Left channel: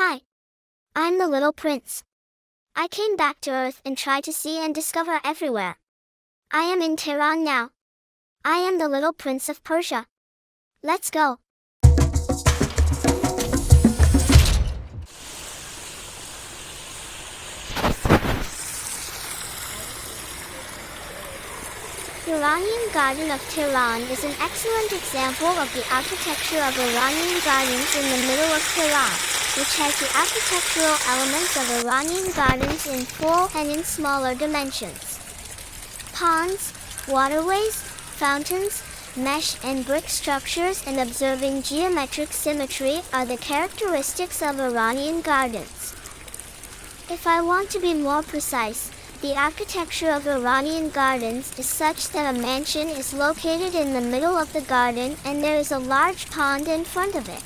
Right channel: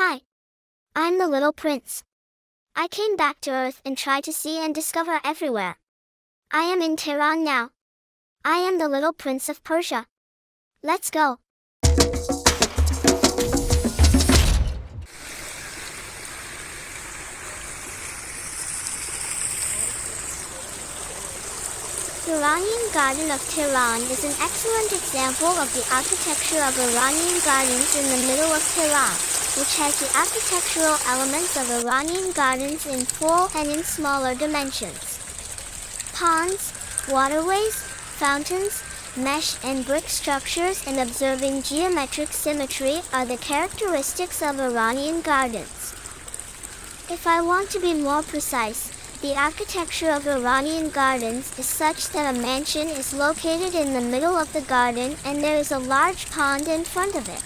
Hi, I'm the little prince. I came back to Earth and tried to see and discover everywhere. I am in Tehran now. I am the little prince of Persia. Let's go. Iranian Garden of Tehran is an excellent example of the architecture of Iranian gardens in the middle of Tehran, which has the architectural elements of Iranian gardens in full and in smaller dimensions. Ponds, waterways, fountains, mesh and brick structures and observing geometric symmetry are the characteristics of Iranian gardens. If I want to be more precise, the architecture of Iranian gardens is such that a mansion is located in the middle of the garden and there is a large pond in front of it.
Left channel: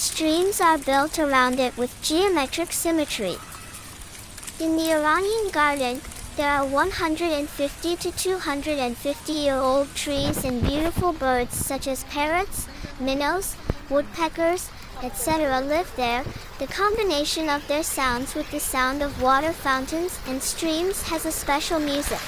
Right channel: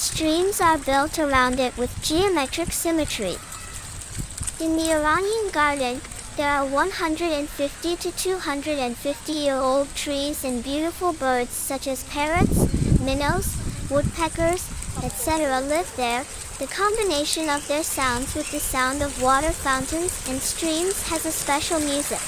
Streams are built around it with geometric symmetry. In the Iranian garden, there are 150 to 250-year-old trees and beautiful birds such as parrots, minnows, woodpeckers, etc. live there. The combination of their sounds with the sound of water fountains and streams has a special music.